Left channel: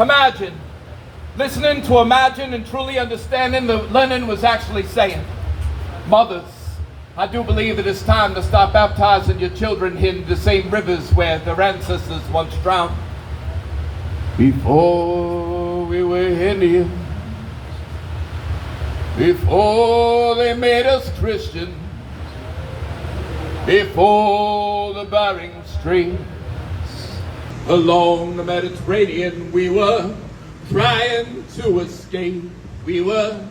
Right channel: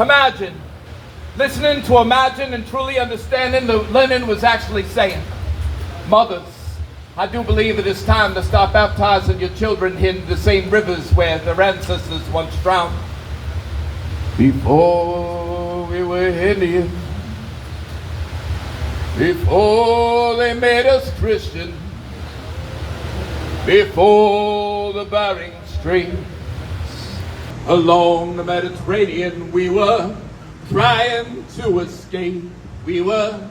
Imagine. Listening to Imagine and truly understanding what Lennon was actually saying. Mothers, I do believe it is time to stop baptizing your children in the same rivers where their ancestors once drowned. Before we were Indian, before they made us Christian, before the Bering Straits, along the Mediterranean we were trying to escape. We were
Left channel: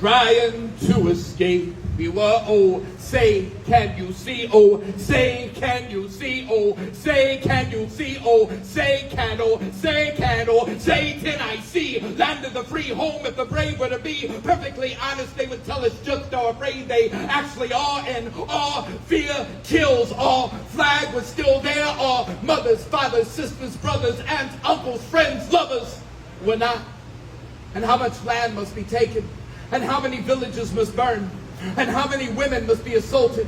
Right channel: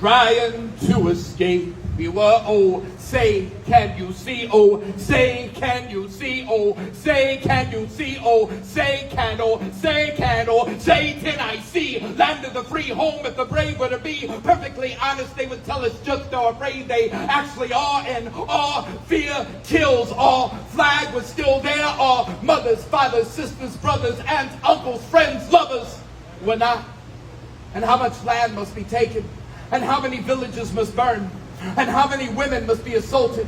trying to escape. We were, oh, say, can you see? Oh, say, can you see? Oh, say, can you see? Oh, say, can, oh, say, can, oh, say, can I see? Land of the free, home if the brave were to be perfectly honest, they would tell us just how afraid they actually are. And our fear kills. Our flag was still there. Our mothers, fathers, sisters, brothers, aunts, uncles, friends, lovers were not. And how much land must be taken? And how many villages must burn? And how many women must be assaulted?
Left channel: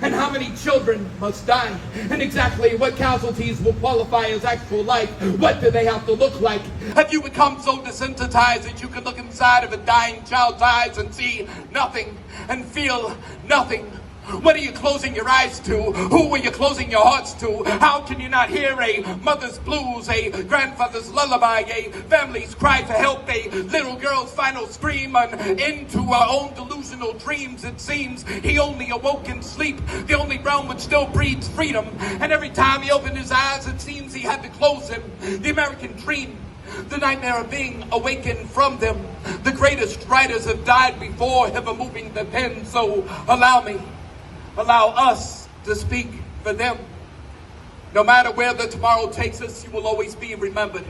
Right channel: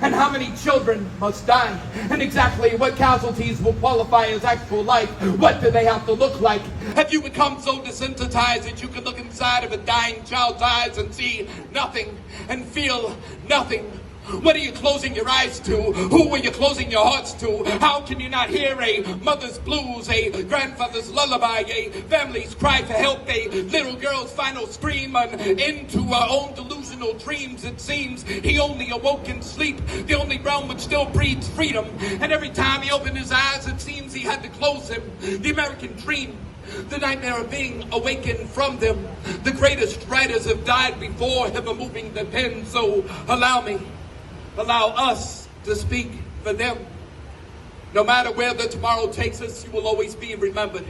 And how many children must die? And exactly what casualties will qualify as actual life? What do they have to look like? Have you become so desensitized that you can look inside of a dying child's eyes and see nothing and feel nothing? What are you closing your eyes to? Who are you closing your hearts to? How can you not hear a mother's blues, a grandfather's lullaby, a family's cry for help, a little girl's final scream, and into our own delusional dreams? It seems he only awoke in sleep, the only realm which still breeds freedom. And every time he opened his eyes, it seems he had to close them. The American dream, the nightmare of being awakened from them. The greatest writers have died before ever moving the pen, so allow us to speak for them. No matter where the tomorrow takes us, you will always be remembered.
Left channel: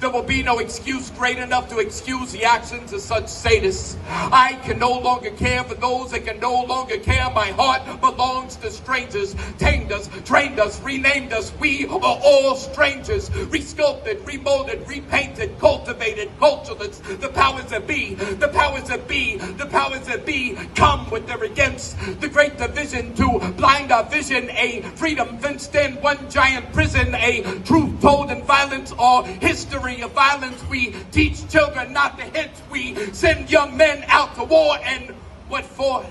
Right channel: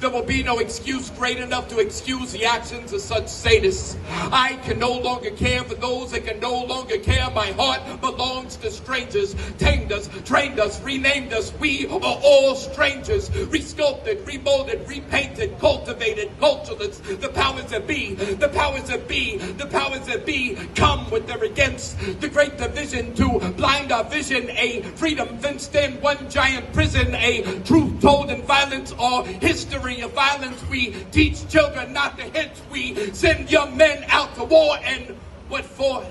There will be no excuse great enough to excuse the actions of such sadists. I can no longer care for those that can no longer care. My heart belongs to strangers. Tamed us, trained us, renamed us. We are all strangers. Resculpted, remolded, repainted, cultivated, cultureless. The powers that be, the powers that be, the powers that be come with their against. The great division to blind our vision. A freedom fenced in one giant prison. A truth told in violence or history of violence. We teach children not to hit. We send young men out to war, and what for?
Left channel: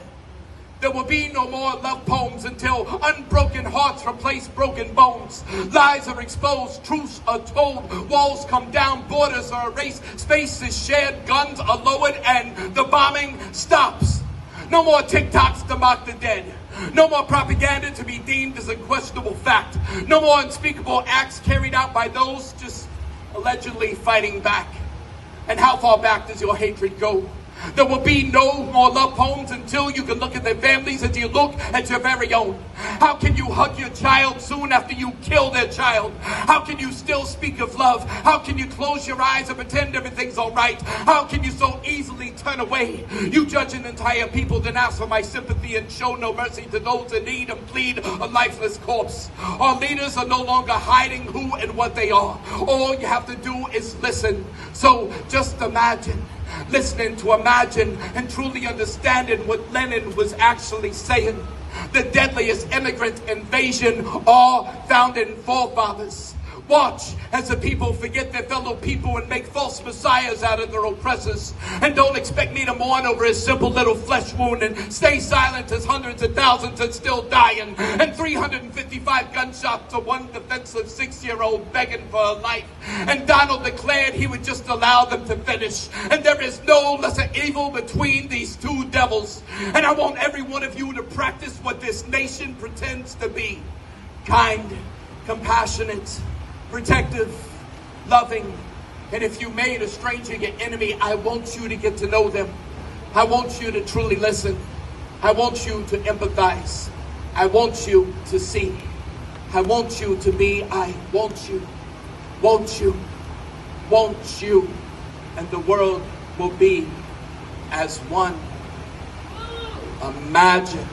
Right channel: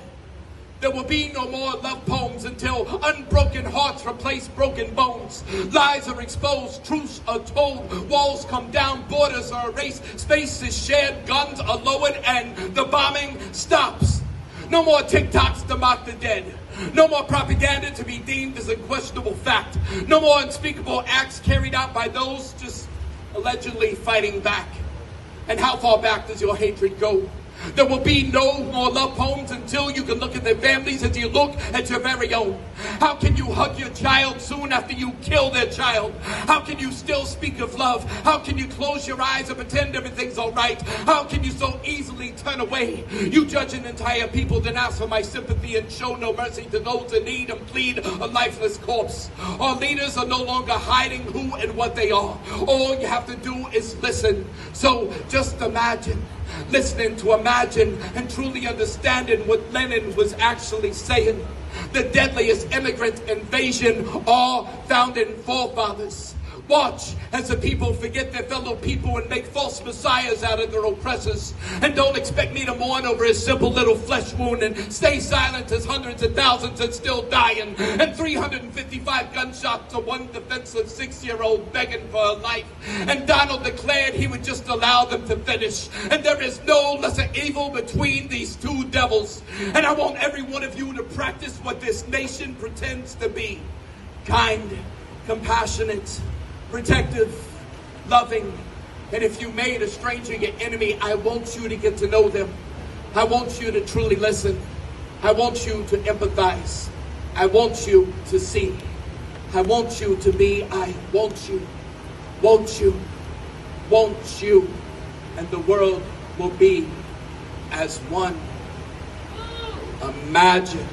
There will be no more love poems until unbroken hearts replace broken bones. Lies are exposed, truths are told, walls come down, borders are erased, space is shared, guns are lowered, and the bombing stops. No more TikToks to mock the dead. No more propaganda to be deemed as a questionable fact. No more unspeakable acts carried out by those just allegedly fighting back. And how far back does your hatred go? There will be no more love poems until you can look at their families as you look at your very own. How can you hug your child soon after you kill their child? How can you still speak of love? How can you close your eyes and pretend everything's all right? How can you so easily turn away? You judge an entire people, then ask for my sympathy and show no mercy to those in need and plead a lifeless corpse. Our leaders are no longer hiding who and what they are. All you have to do is listen. So just imagine. Listening to Imagine and truly understanding what Lenin was actually saying. The deadliest immigrant invasion all found in forefathers. Watch as the people forget their fellow people and make false messiahs out of their oppressors. And don't expect me to mourn over a simple little flesh wound and stay silent as hundreds of thousands are still dying. And 355 gunshots to one defenseless 6-year-old begging for a life. And Donald declared he would just allow them to finish. And there is no lesser evil between these two devils. And I want every one of you to practice what this nation pretends to be. Kind, compassionate, protective, loving, and if you made a stranger your enemy, I want you to get to know them. I want you to truly listen. I want you to empathize. I want you to see. I want you to be, I want you, won't you, and the world will be as one. Imagine.